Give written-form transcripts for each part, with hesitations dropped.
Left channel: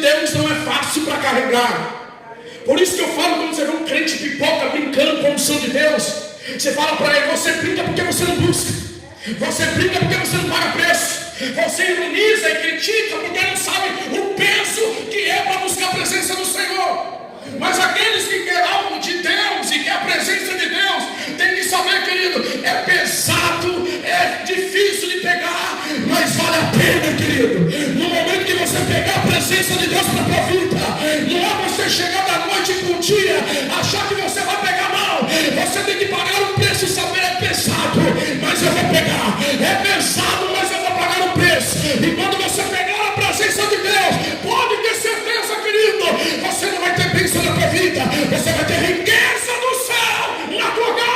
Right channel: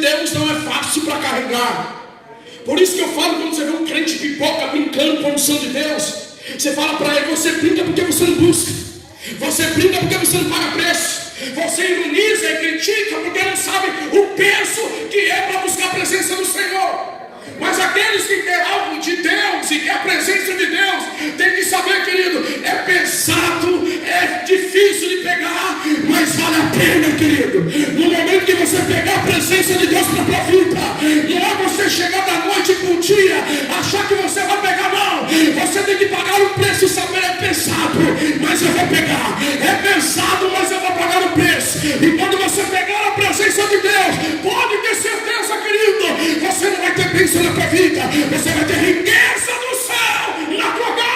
Deus não é fácil para carregar. Por isso que eu falo, quando você vê um crente pipoca brincando com a unção de Deus, você fala para ele: você brinca porque você não busca, você brinca porque você não paga preço, você ironiza e critica porque não sabe o peso que é para buscar a presença do Senhor. Mas aqueles que querem algo de Deus e que a presença de Deus, tem que saber, querido, é pesado, é difícil de pegar, mas vale a pena, querido. No momento que você pegar a presença de Deus para a tua vida, não é você chegar da noite para o dia, achar que você vai pegar, não. Você tem que pagar o preço e saber: é pesado, mas eu vou pegar. É pesado, mas eu vou pagar o preço. E quando você pegar a presença de Deus, pode ter certeza, querido, você não vai ter bênção na tua vida, você vai ter riqueza do céu na tua casa.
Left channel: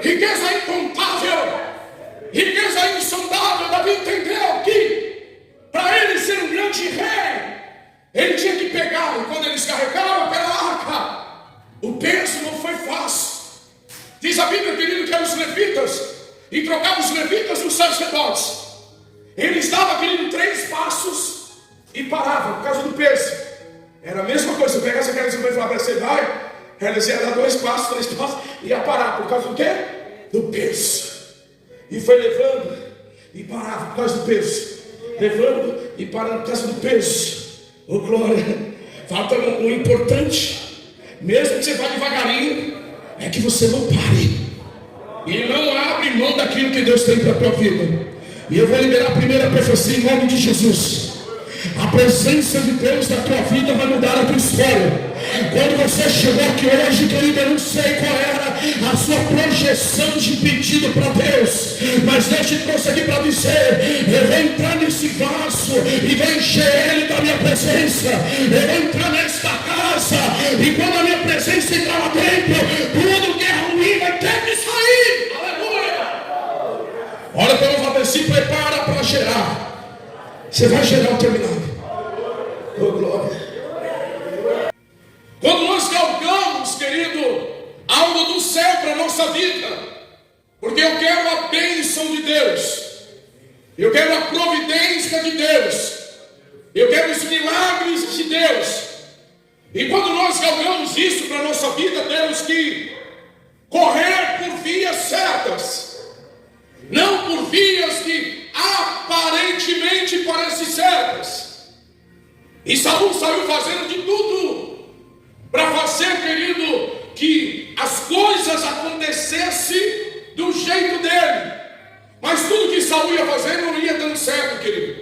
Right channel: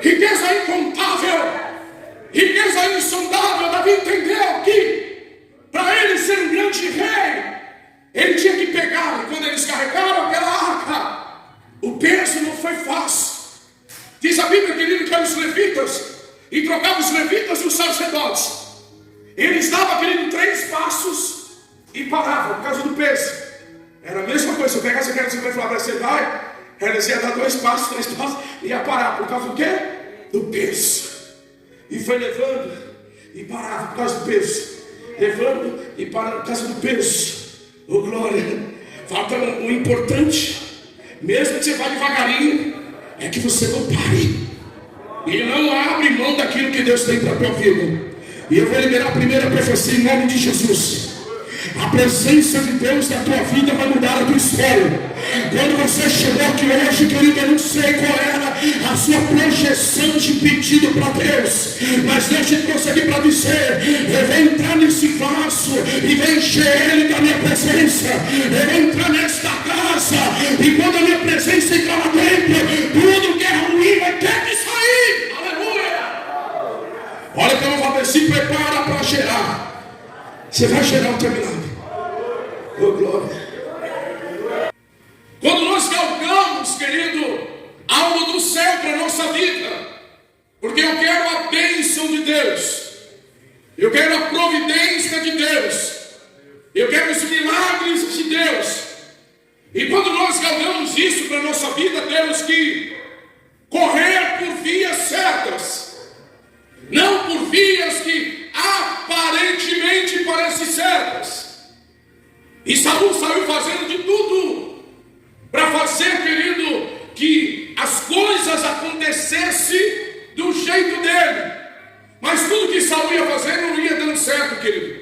Riqueza incontável, riqueza insondável. Davi entendeu que para ele ser um grande rei, ele tinha que pegar. E quando eles carregavam aquela arca, o peso não foi fácil. Diz a Bíblia, querido, que eram os levitas, e trocavam os levitas dos sacerdotes. Eles davam, querido, 3 passos e paravam por causa do peso. Era a mesma coisa. Se eu pegasse aquela coisa e falar para você dar, eles iam dar 2 passos, 3 passos, e ia parar por causa do quê? Do peso. E foi levando e parava por causa do peso, levando e parava por causa do peso. Oh glória! Falta o importante, mesmo que você vá devagarinho, é que você não pare e não abre mão daquilo que Deus tem para a tua vida. E eu vou liberar a primeira profecia em nome de Jesus. A presença de Deus na tua vida vai mudar a tua história. Quando você chegou aqui hoje, querido, eu não sei qual era a sua projeção de pedido para Deus, mas Deus te trouxe aqui para dizer: eu vou entrar nesse vaso e vou encher ele da minha presença. Eu vou entrar nesta casa, e quando a minha presença entrar lá dentro, tudo que é ruim vai ter que sair. Aleluia! Olha para eu falar: se prepara para gerar. Você vai gerar o teu milagre. Oh glória! Quando nós galgamos, querido, algo do céu para a nossa vida, porque eu quero a bênção de Deus, eu quero a providência de Deus, eu quero os milagres de Deus. E quando nós galgamos isso para a nossa vida, temos que correr por vias certas, não por vias que aparentemente parecem certas. E Saul saiu fazendo de tudo para fazer, querido, que as coisas acontecessem do jeito dele. Mas tudo que Saul ia fazer não ia dando certo, querido.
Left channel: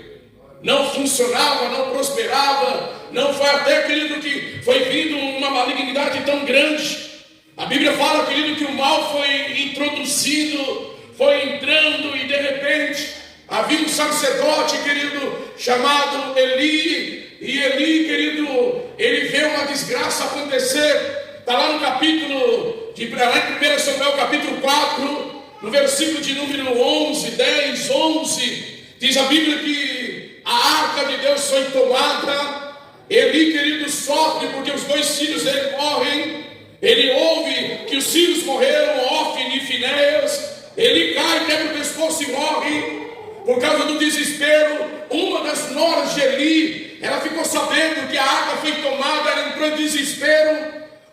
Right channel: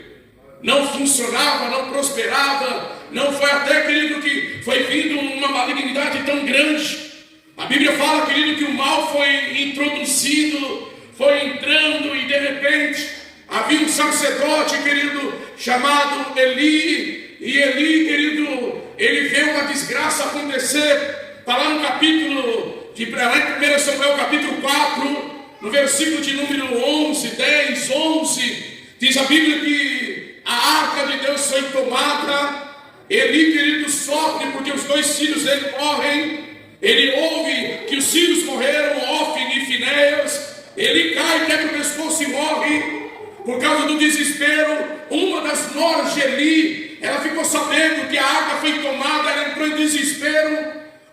Não funcionava, não prosperava. Não foi até, querido, que foi vindo uma malignidade tão grande. A Bíblia fala, querido, que o mal foi introduzido, foi entrando, e de repente havia um sacerdote, querido, chamado Eli. E Eli, querido, ele vê uma desgraça acontecer. Está lá no capítulo, lá em 1 Samuel capítulo 4, no versículo de número 11, 10, 11. Diz a Bíblia que a arca de Deus foi tomada. Eli, querido, sofre porque os 2 filhos dele morrem. Ele ouve que os filhos morreram, Ofni e Finéias. Ele cai, quebra o pescoço e morre. Por causa do desespero, uma das noras de Eli, ela ficou sabendo que a arca foi tomada, ela entrou em desespero.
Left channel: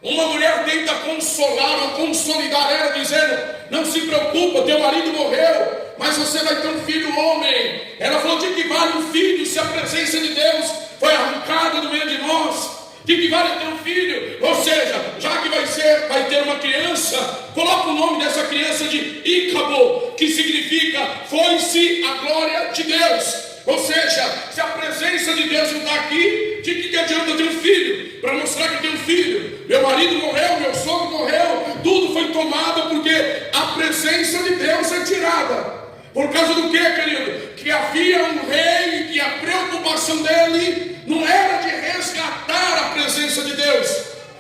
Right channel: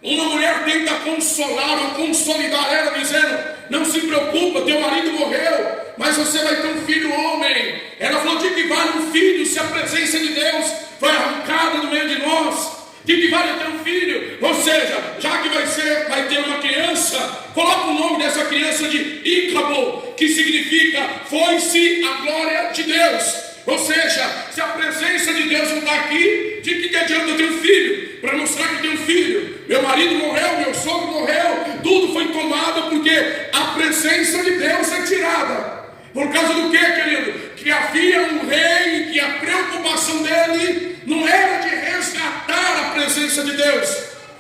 Uma mulher tenta consolar ou consolidar ela, dizendo: não se preocupa, teu marido morreu, mas você vai ter um filho homem. Ela falou: de que vale um filho se a presença de Deus foi arrancada do meio de nós? De que vale ter um filho? Ou seja, já que vai ter uma criança, coloca o nome dessa criança de Ícabo, que significa foi-se a glória de Deus. Ou seja, se a presença de Deus não está aqui, de que adianta ter um filho? Para mostrar que tem um filho. Meu marido morreu, meu sogro morreu, tudo foi tomado porque a presença de Deus é tirada. Por causa do que, querido? Que havia um rei e que a preocupação dele não era de resgatar a presença de Deus,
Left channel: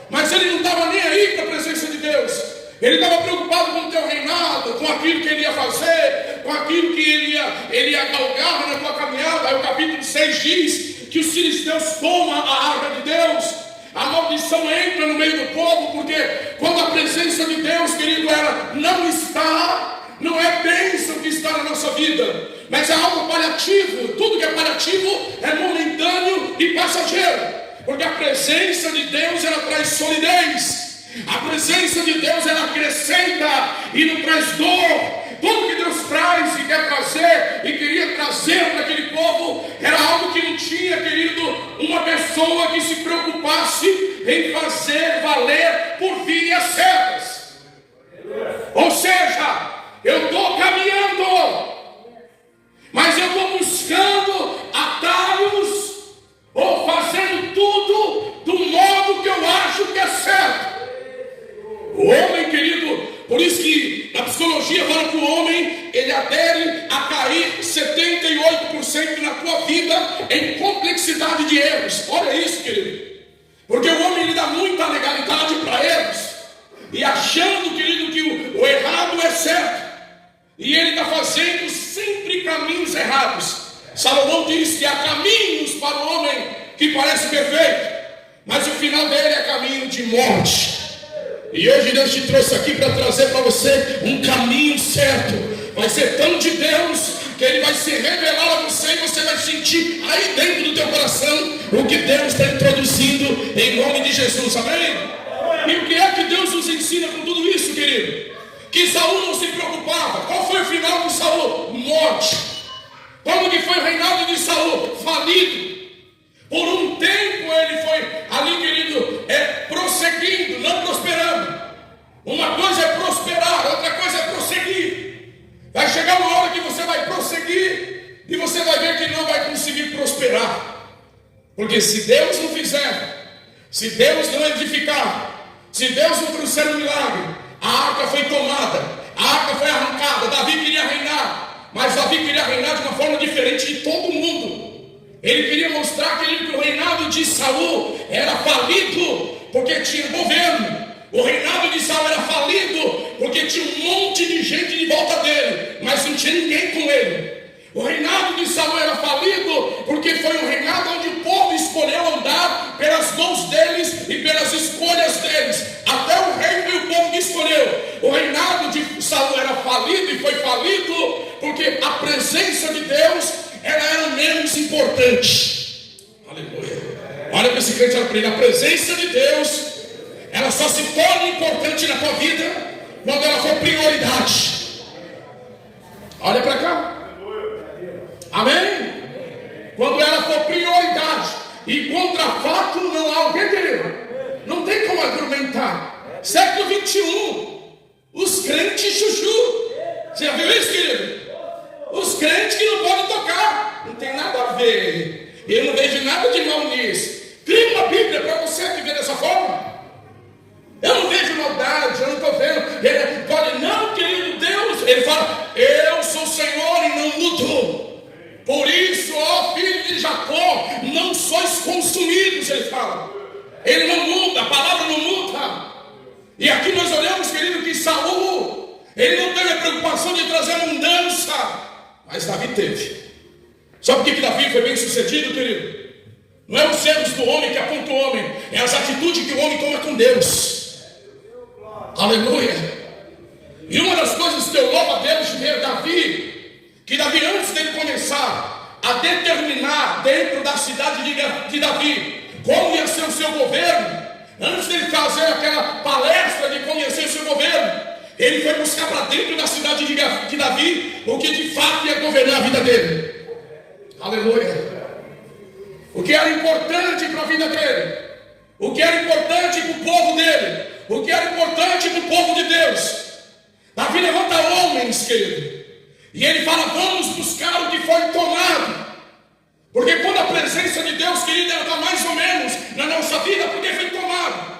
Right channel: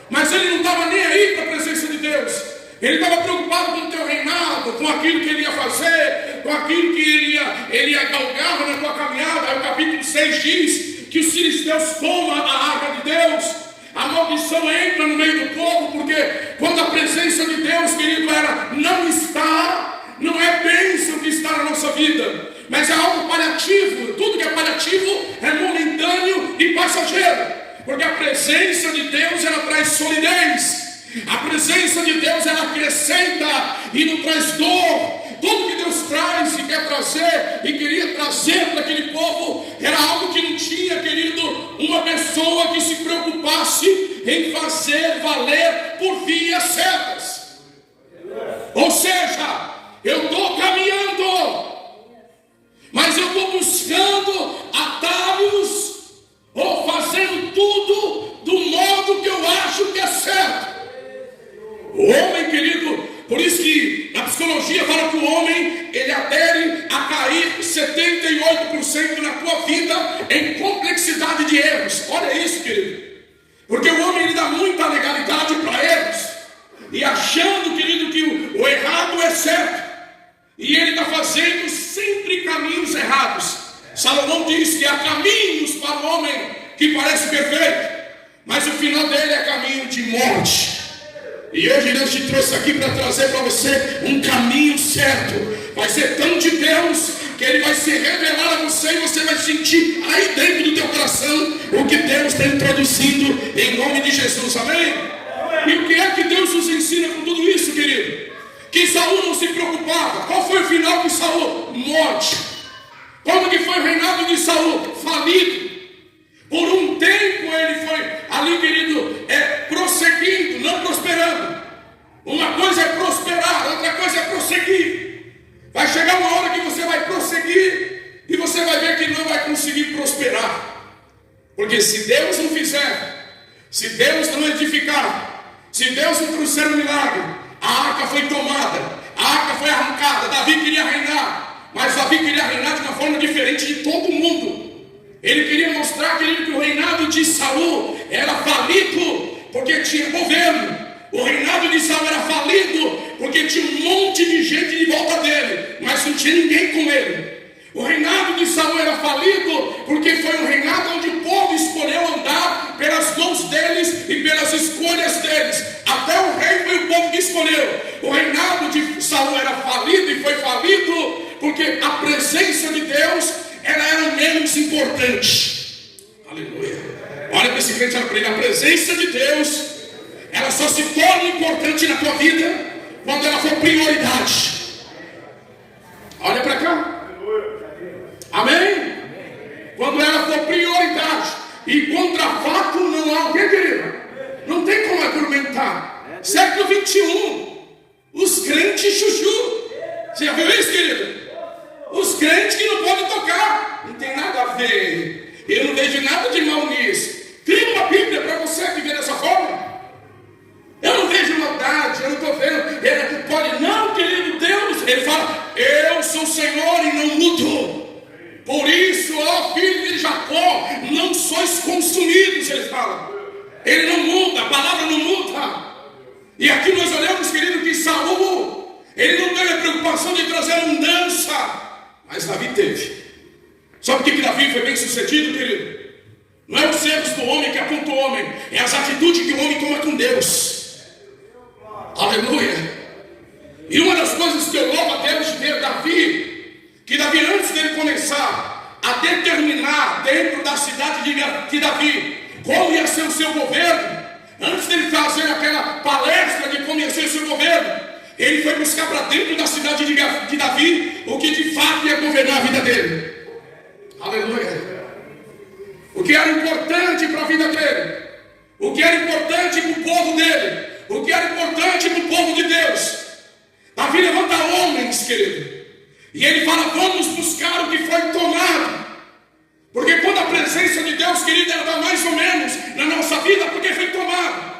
mas ele não estava nem aí para a presença de Deus. Ele estava preocupado com o teu reinado, com aquilo que ele ia fazer, com aquilo que ele ia galgar na tua caminhada. Aí o capítulo 6 diz que os filisteus tomam a arca de Deus. A maldição entra no meio do povo, porque quando a presença de Deus, querido, ela não está, não é bênção que está na nossa vida, mas é algo paliativo. Tudo que é relativo, é momentâneo e passageiro. Porque a presença de Deus, ela traz solidez. A presença de Deus, ela acrescenta e não traz dor. Tudo que Deus traz e quer trazer e queria trazer para aquele povo era algo que não tinha, querido, uma pessoa que se preocupasse em fazer valer por vias certas. Ou seja, eu estou caminhando, mas eu estou buscando atalhos ou fazendo tudo do modo que eu acho que é certo. O homem, querido, por isso que na psicologia fala que o homem, ele adere a cair 78% na tua vida em complexidade de erros. Olha isso, querido. Porque o homem, ele dá muita legalidade para erros. E achando, querido, que o errado é certo. E ele está fazendo sempre caminhos errados. Salomão diz que há caminhos para o homem que parece perfeito, mas o final dele é caminho de morte. E hoje Deus te trouxe aqui para trazer para você um caminho certo. Vai ser tão de Deus que Ele vai se revelar a você e você vai sentir aí dentro do teu coração o que Deus está introduzindo em nome de Jesus, amém? E o que é que Deus nos ensina com tudo isso, querido? Que Saul não se preocupava. Qual foi o final de Saul? Morte. Como que foi o reinado de Saul? Falido. Por um tempo ele foi ali, querido, prosseguindo, não prosperando. Uma coisa é prosperar, outra coisa é prosseguir. Vai chegar uma hora que você vai prosseguir e você vai ver que não vai conseguir prosperar. Porque se Deus não fizer, se Deus não edificar, se Deus não trouxer um milagre, a arca foi tomada, a arca foi arrancada. Davi queria reinar, mas Davi queria reinar de uma forma diferente de todo mundo. Ele queria mostrar, querido, que o reinado de Saul era falido porque tinha governo. O reinado de Saul era falido porque tinha um monte de gente de volta dele, mas não tinha ninguém com ele. O reinado de Saul era falido porque foi um reinado onde o povo escolheu andar pelas mãos deles e pelas escolhas deles. Até o rei foi o povo que escolheu. O reinado de Saul era falido e foi falido porque a presença de Deus, ela era menos importante. Aleluia. Olha para esse crente, olha para ele. A presença de Deus, ela só se torna importante na tua vida quando ela for prioridade. Olha para cá. Amém? Quando ela for prioridade. E contra fato não há o que, querido? Não tem como argumentar. Século 21, os crentes chuchu. Você já viu isso, querido? Os crentes que não podem tocar. Não tem nada a ver. Eu não vejo nada de mal nisso. Cria uma Bíblia para você que vê dessa forma. Eu não vejo maldade, eu não estou vendo. Ele pode, não, querido Deus. Ele fala, eu sou o Senhor e não mudo. Por isso, ó filho de Jacó, não sois consumidos, ele fala. Ele não muda, a palavra não muda. E aqui nós olhamos, querido, que Saul, ele não teve a preocupação de trazer mudança. Mas Davi teve. Sabe por que Davi foi bem sucedido, querido? Não é os erros do homem que aponta o homem, é as atitudes que o homem toma com Deus. Aleluia. E uma das coisas que eu louvo a Deus de ver Davi, que Davi, antes dele começar a determinar dentro da cidade de Davi como ia ser o seu governo, antes dele fazer aquela palestra de como ia ser o seu governo, ele foi buscar para dentro da cidade de Davi o que de fato ia governar a vida dele. Aleluia. O que era importante para a vida dele, o que era importante para o povo dele, o que era importante para o povo de Deus. Davi levanta homens, querido, e ele fala, vamos buscar o que foi tomado. Porque quando a presença de Deus, querido, ela está mais ou menos na nossa vida, porque foi tomado.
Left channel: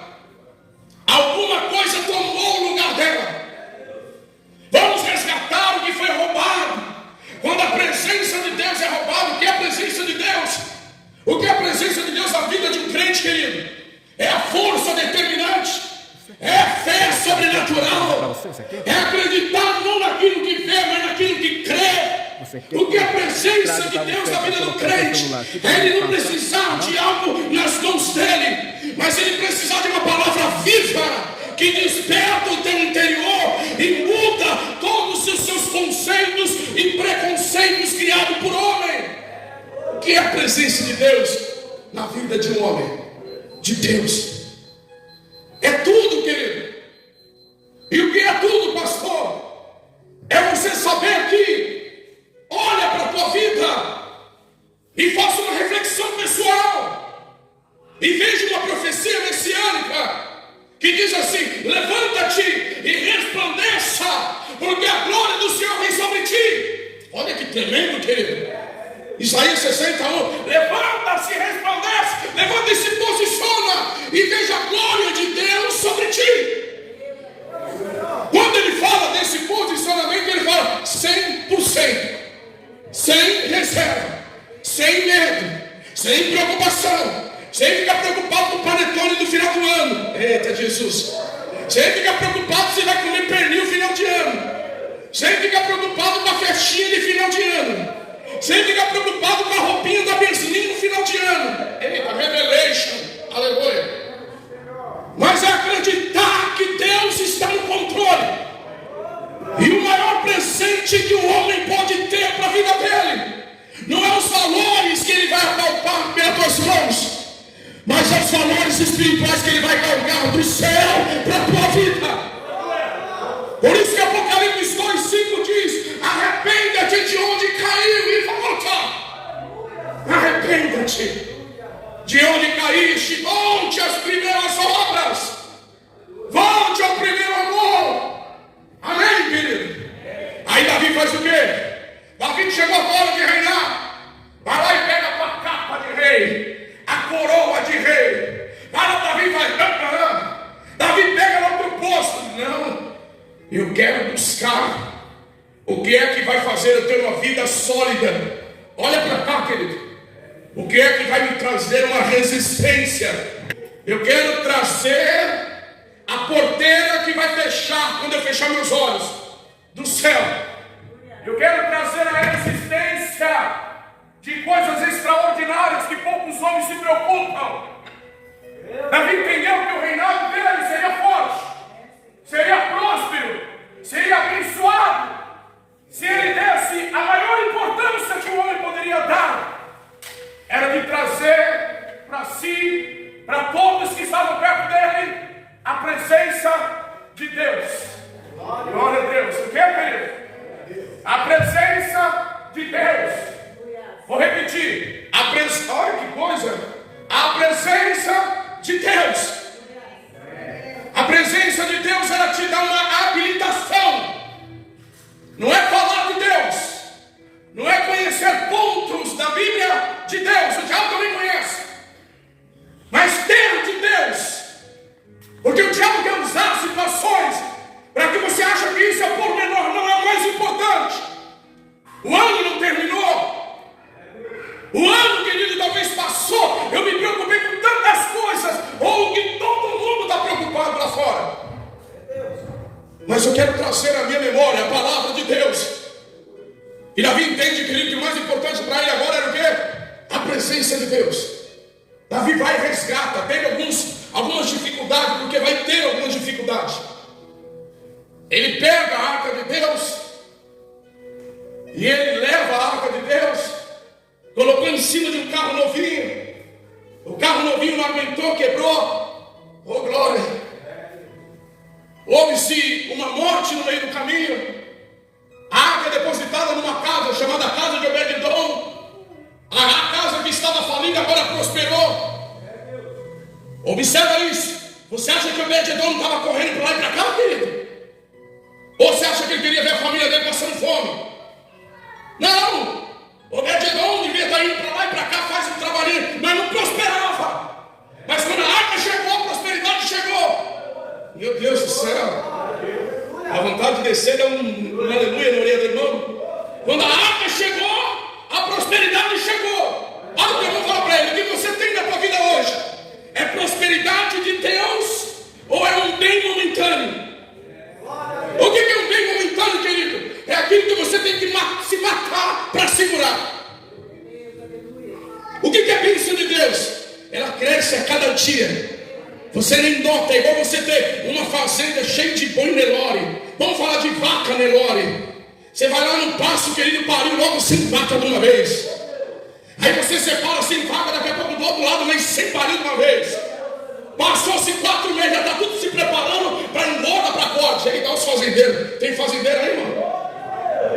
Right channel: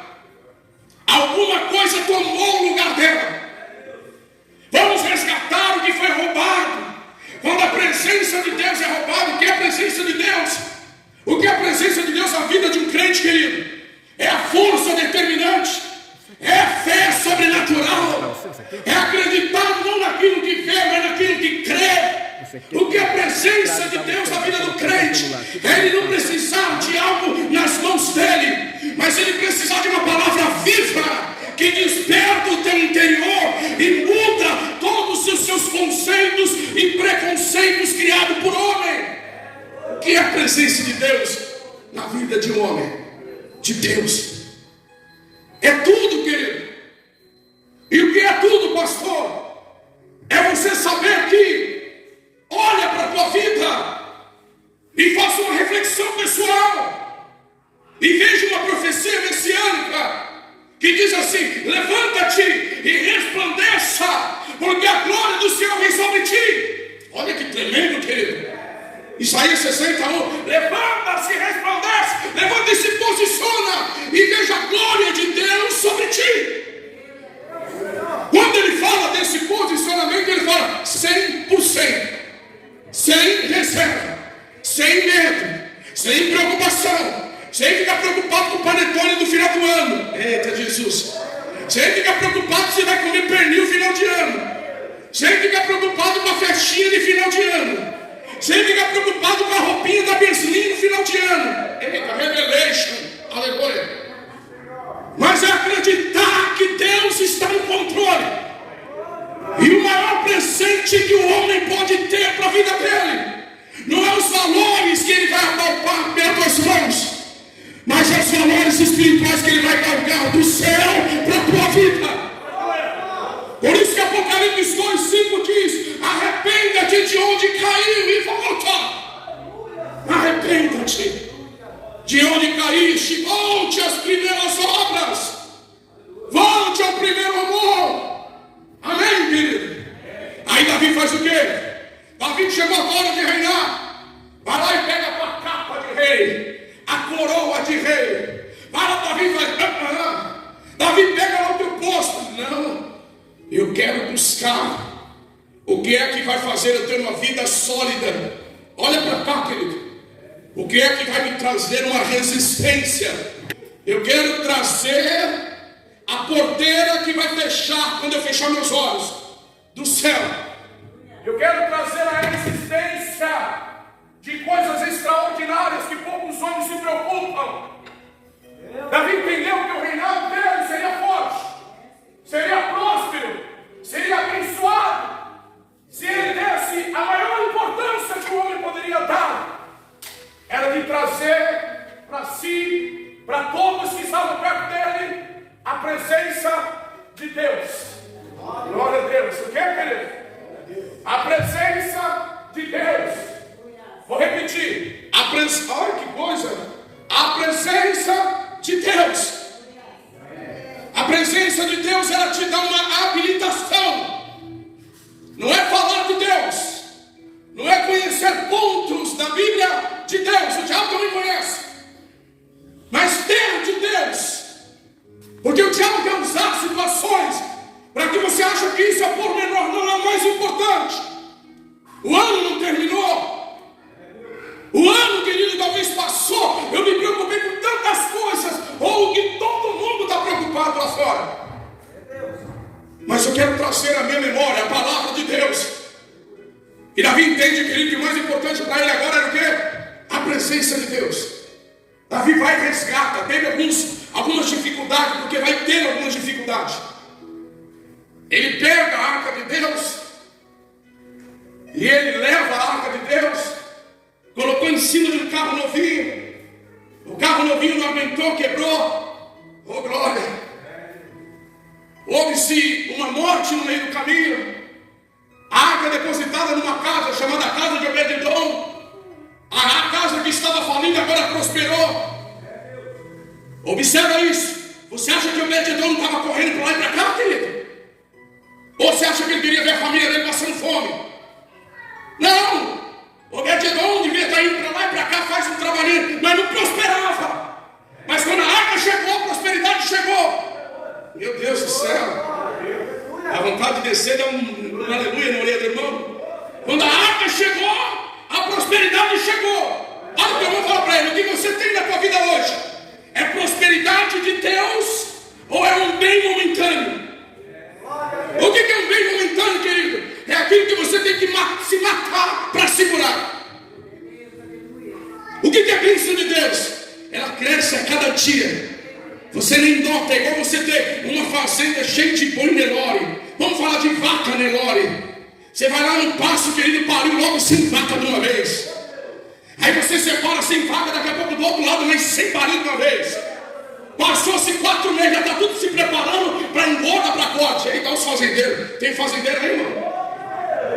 Alguma coisa tomou o lugar dela. Vamos resgatar o que foi roubado. Quando a presença de Deus é roubada, o que é a presença de Deus? O que é a presença de Deus na vida de um crente, querido? É a força determinante. É a fé sobrenatural. É acreditar não naquilo que vê, mas naquilo que crê. O que é a presença de Deus na vida do crente? É ele não precisar de algo nas mãos dele, mas ele precisar de uma palavra viva que desperta o teu interior e muda todos os seus conceitos e preconceitos criados por homem. O que é presença de Deus na vida de um homem de Deus. É tudo, querido. E o que é tudo, pastor? É você saber que olha para a tua vida e faça uma reflexão pessoal e veja uma profecia messiânica que diz assim: levanta-te e resplandeça, porque a glória do Senhor vem sobre ti. Olha que tremendo, querido. Isaías 61, levanta-se e resplandece, levanta e se posiciona e veja a glória de Deus sobre ti. Quando ele fala desse posicionamento, ele fala 100%, sem reserva, sem medo, sem preocupação, sem ficar preocupado com o panetone do final do ano. Eita Jesus! Sem ficar preocupado se vai comer pernil no final de ano, sem ficar preocupado com a festinha de final de ano, sem ficar preocupado com a roupinha da Beslinha no final de ano. Eita, revelation, aleluia. Mas é acreditar que Deus está no controle. E o maior presente que o homem pode ter para a vida dele não é os valores que ele vai apalpar pelas tuas mãos, mas é os valores espirituais que ele vai galgar do céu para a tua vida. Por isso que Apocalipse 2:5 diz: arrependa-te de onde caiu e volta. Arrependa-te de onde caíste, volte às primeiras obras, volte ao primeiro amor. Amém, querido? Aí Davi faz o quê? Davi chegou a hora de reinar. Vai lá e pega a tua capa de rei, a coroa de rei. Vai lá, Davi faz. Davi pega lá o teu posto. Não, eu quero buscar o que é que vai fazer eu ter uma vida sólida. Olha para cá, querido. O que é que vai me trazer uma resistência? Eu quero trazer a porteira que vai fechar quando eu fechar meus olhos do céu. Eu quero trazer a resistência de coisas extraordinárias que poucos homens se preocupam. Davi entendeu que o reinado dele seria forte, seria próspero, seria abençoado, se ele desse a maior importância que o homem poderia dar. Era de trazer para si, para todos que estavam perto dele, a presença de Deus. Glória a Deus. O que é, querido? A presença de Deus. Vou repetir. Olha que coisa. A presença de Deus. A presença de Deus, ela te dá uma habilitação. Não é falar de Deus, não é conhecer pontos da Bíblia de Deus, o diabo também conhece, mas ter de Deus, porque o diabo quer usar situações para que você ache que isso é pormenor, não é o mais importante. O ano não terminou, o ano, querido, talvez passou. Eu me preocupei com tantas coisas, ou que todo mundo está preocupado lá fora, mas eu quero trazer à minha memória a palavra de Deus. E Davi entende, querido, que o mais importante para ele agora era o quê? A presença de Deus. Davi vai e resgata. Teve algumas dificuldades, porque vai ter algumas dificuldades. Ele pega a arca de Deus e ele leva a arca de Deus, colocou em cima de um carro novinho. O carro novinho não aguentou, quebrou. Oh, glória! Houve-se uma morte no meio do caminho. A arca depositada numa casa chamada Casa de Obed-edom. A casa que estava falindo agora prosperou. Observa isso. Você acha que Obed-edom não estava correndo para lá e para cá, querido? Ou você acha que ele queria ver a família dele passando fome? Não. Obed-edom devia estar indo para lá e para cá, faz um trabalhinho, mas não prosperava. Mas quando a arca chegou, a prosperidade chegou. Meu Deus do céu. A vontade de descer é um aleluia na orelha do irmão. Quando a arca chegou, a prosperidade chegou. Olha o que eu vou falar para ele. O que você tem na tua vida hoje é prosperidade de Deus ou é um bem momentâneo? O que é um bem momentâneo, querido? É aquilo que você tem que se matar para segurar. O que é a bênção de Deus? Ela cresce a cada dia. Você nem nota, é igual você ter uma fazenda cheia de boi Nelore. Vamos falar de vaca Nelore. Você vai lá no passo, querido, pariu logo 5 vacas de uma vez. Aí você separa sem vaga, daqui a pouco do outro lado, mas sem barulho uma vez. Passou-se 4 meses, já está tudo se preparando para ir embora para a corte. Aí está os fazendeiros. Tem fazendeiro aí, irmão?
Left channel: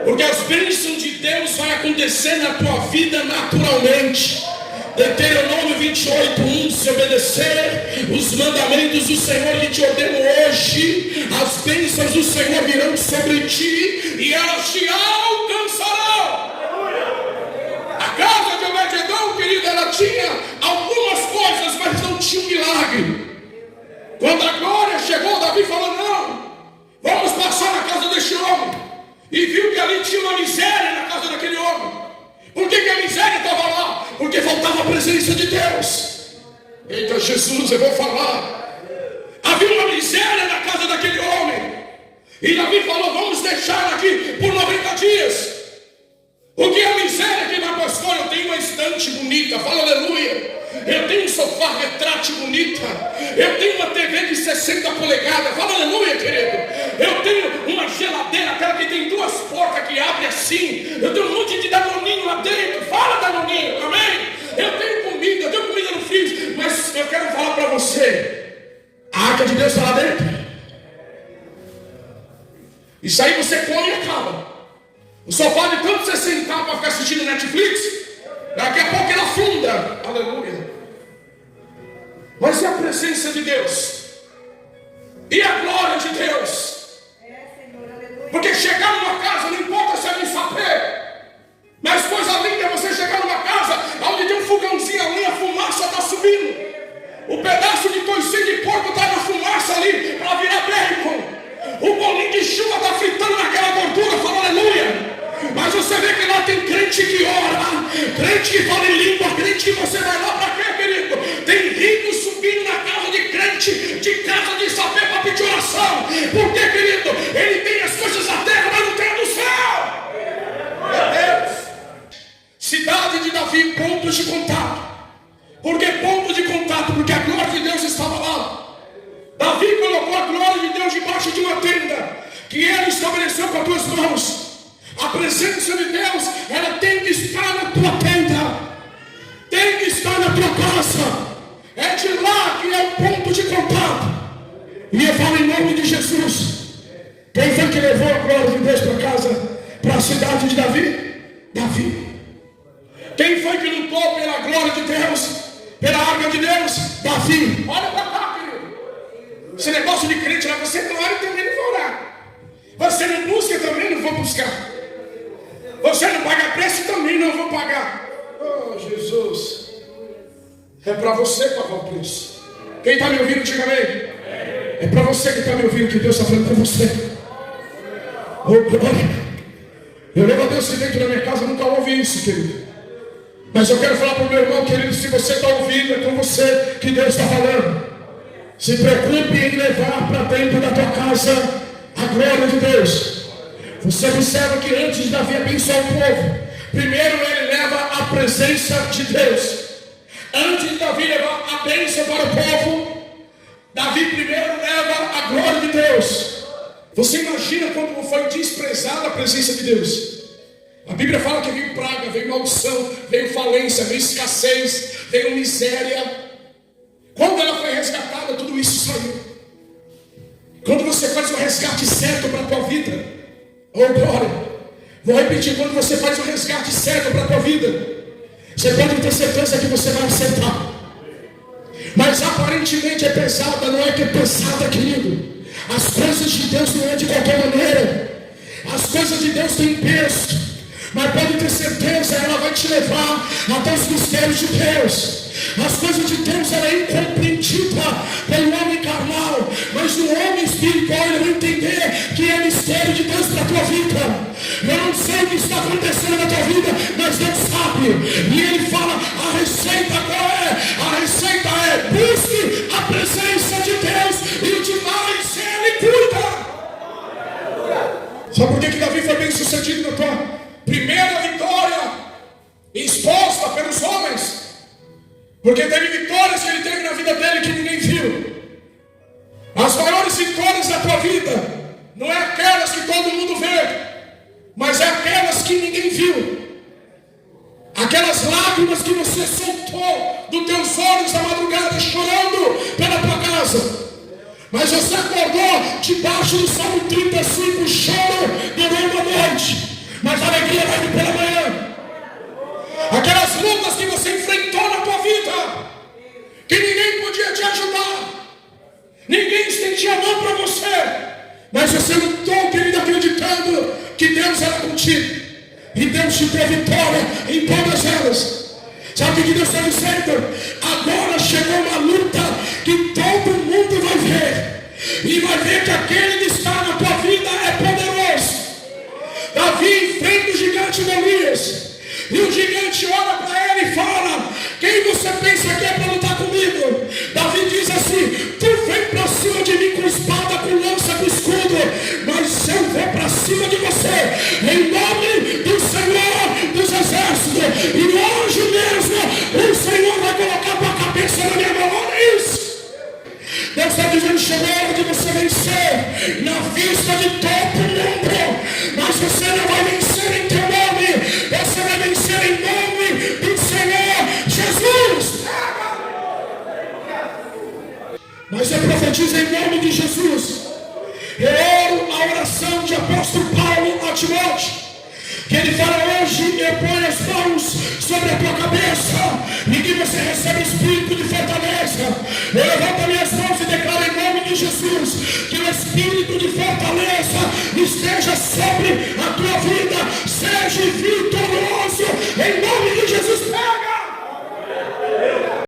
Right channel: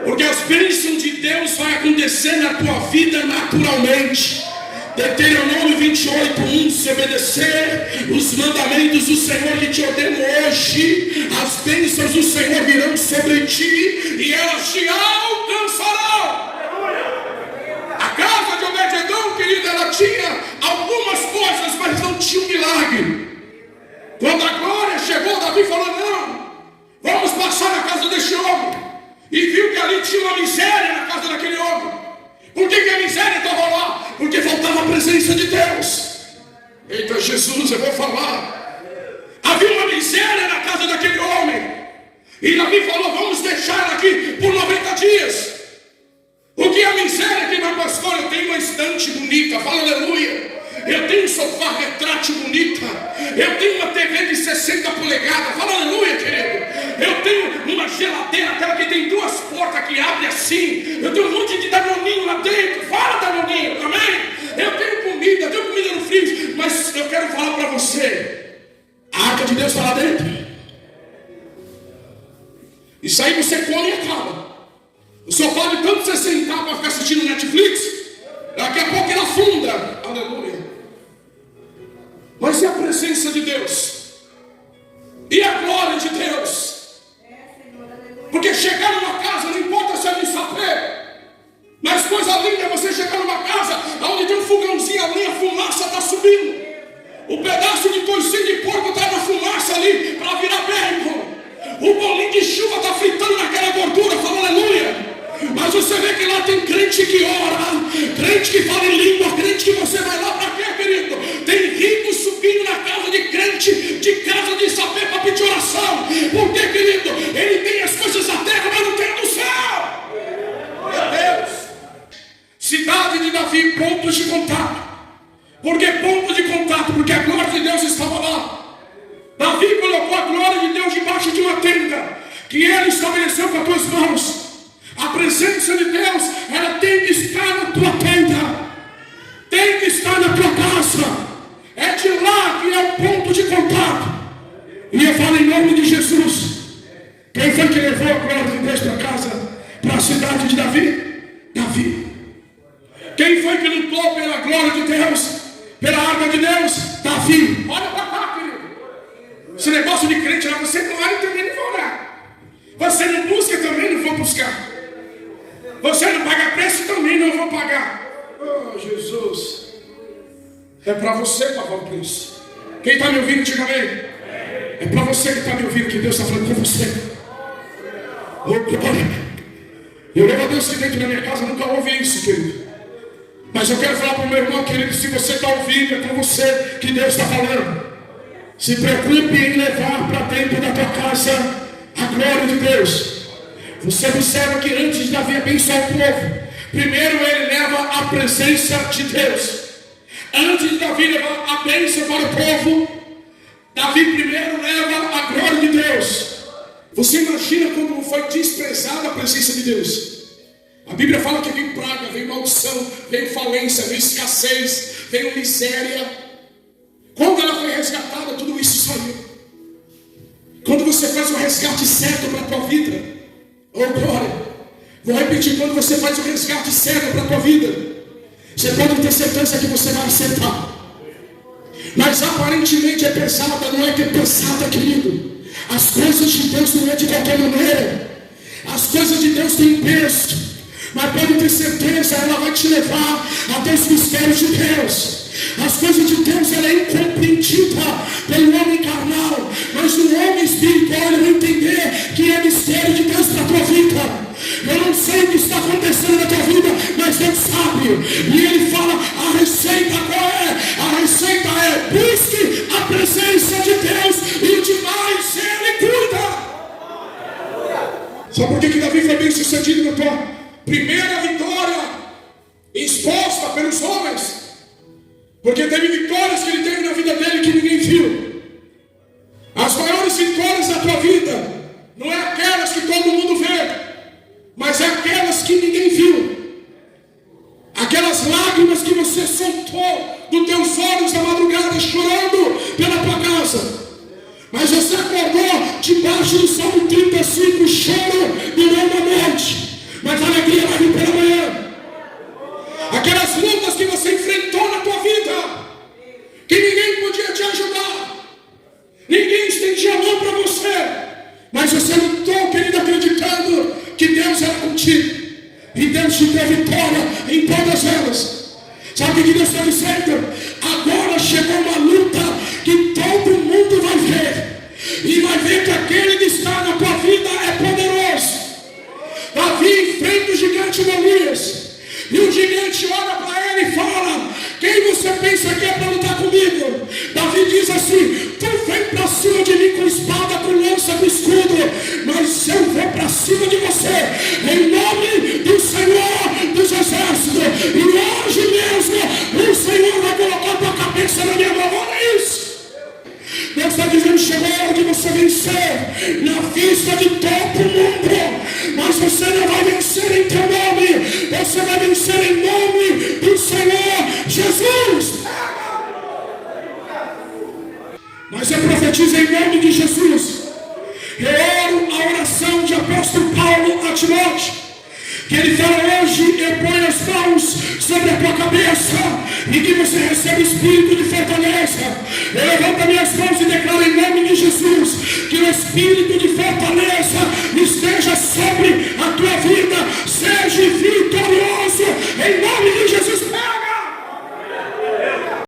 Porque as bênçãos de Deus vão acontecer na tua vida naturalmente. Deuteronômio 28:1. Se obedecer os mandamentos do Senhor que te ordeno hoje, as bênçãos do Senhor virão sobre ti e elas te alcançarão. A casa de Obed-Edom, querido, ela tinha algumas coisas, mas não tinha um milagre. Quando a glória chegou, Davi falou: não, vamos passar na casa deste homem. E viu que ali tinha uma miséria na casa daquele homem. Por que a miséria estava lá? Porque faltava a presença de Deus. Eita Jesus, eu vou falar. Havia uma miséria na casa daquele homem. E Davi falou: vamos deixar aqui por 90 dias. O que é a miséria aqui, meu pastor? Eu tenho uma estante bonita, fala aleluia. Eu tenho um sofá retrátil bonita. Eu tenho uma TV de 60 polegadas, fala aleluia, querido. Eu tenho uma geladeira, aquela que tem 2 portas que abrem assim. Eu tenho um monte de danoninho lá dentro, fala danoninho, amém? Eu tenho comida no freezer. Mas eu quero falar para você: a arca de Deus está lá dentro. Isso aí você come e acaba. O sofá de tanto você sentar para ficar assistindo Netflix, daqui a pouco ele afunda. Aleluia. Mas e a presença de Deus? E a glória de Deus? Porque chegar numa casa, não importa se é de sapé, mas coisa linda é você chegar numa casa onde tem um fogãozinho ali, a fumaça está subindo. O pedaço de toicinho de porco está na fumaça ali para virar bacon. O bolinho de chuva está fritando naquela gordura, fala aleluia. Mas você vê que lá tem crente que ora, crente que fala em língua, crente que você vai lá para quê, querido? Tem rico subindo na casa de crente, de casa de sapé para pedir oração. Por quê, querido? Ele tem as coisas da terra, mas não tem a do céu. Meu Deus. Cidade de Davi, pontos de contato. Por que ponto de contato? Porque a glória de Deus estava lá. Davi colocou a glória de Deus debaixo de uma tenda que ele estabeleceu com as tuas mãos. A presença de Deus, ela tem que estar na tua tenda, tem que estar na tua casa. É de lá que é o ponto de contato. E eu falo em nome de Jesus. Quem foi que levou a glória de Deus para casa, para a cidade de Davi? Davi. Quem foi que lutou pela glória de Deus, pela arma de Deus? Davi. Olha para cá, querido. Esse negócio de crente lá, você não ora e também não vai orar. Você não busca, também não vou buscar. Você não paga preço, também não vou pagar. Oh, Jesus. É para você pagar o preço. Quem está me ouvindo, diga amém. É para você que está me ouvindo, que Deus está falando com você. Oh, glória. Eu louvo a Deus que dentro da minha casa nunca ouvi isso, querido. Mas eu quero falar para o meu irmão, querido, se você está ouvindo, é com você que Deus está falando. Se preocupe em levar para dentro da tua casa a glória de Deus. Você observa que antes de Davi abençoar o povo, primeiro ele leva a presença de Deus. Antes de Davi levar a bênção para o povo, Davi primeiro leva a glória de Deus. Você imagina como foi desprezada a presença de Deus? A Bíblia fala que veio praga, veio maldição, veio falência, veio escassez, veio miséria. Quando ela foi resgatada, tudo isso saiu. Quando você faz o resgate certo para a tua vida, oh glória, vou repetir, quando você faz o resgate certo para a tua vida, você pode ter certeza que você vai acertar. Mas aparentemente é pesada, não é que é pesada, querido. As coisas de Deus não é de qualquer maneira. As coisas de Deus têm peso, mas pode ter certeza, ela vai te levar até os mistérios de Deus. As coisas de Deus, ela é incompreendida pelo homem carnal, mas o homem espiritual vai entender que é mistério de Deus para a tua vida. Eu não sei o que está acontecendo na tua vida, mas Deus sabe. E ele fala, a receita qual é? A receita é: busque a presença de Deus e demais ele cuida. Sabe por que Davi foi bem sucedido na tua primeira vitória exposta pelos homens? Porque teve vitórias que ele teve na vida dele que ninguém viu. As maiores vitórias da tua vida não é aquelas que todo mundo vê, mas é aquelas que ninguém viu. Aquelas lágrimas você soltou dos teus olhos a madrugada chorando pela tua casa. Mas você acordou debaixo do Salmo 35, choro durante a noite, mas a alegria vai vir pela manhã. Aquelas lutas que você enfrentou na tua vida, que ninguém podia te ajudar, ninguém estendia a mão para você, mas você lutou, querido, acreditando que Deus era contigo, e Deus te deu vitória em todas elas. Sabe o que Deus está dizendo? Agora chegou uma luta que todo mundo vai ver, e vai ver que aquele que está na tua vida é poderoso. Davi enfrenta o gigante Golias, e o gigante olha para ele e fala: quem você pensa que é para lutar comigo? Davi diz assim: tu vem para cima de mim com espada, com lança, com escudo, mas eu vou para cima de você em nome do Senhor dos Exércitos, e hoje mesmo o Senhor vai colocar a tua cabeça na minha mão. Olha isso. Deus está dizendo: chegou a hora de você vencer na vista de todo mundo, mas você não vai vencer em teu nome, você vai vencer em nome do Senhor Jesus. Mas eu profetizo em nome de Jesus. Eu oro a oração de apóstolo Paulo a Timóteo, que ele fala hoje: eu ponho as mãos sobre a tua cabeça, e que você recebe espírito de fortaleza. Eu levanto minhas mãos e declaro em nome de Jesus que o Espírito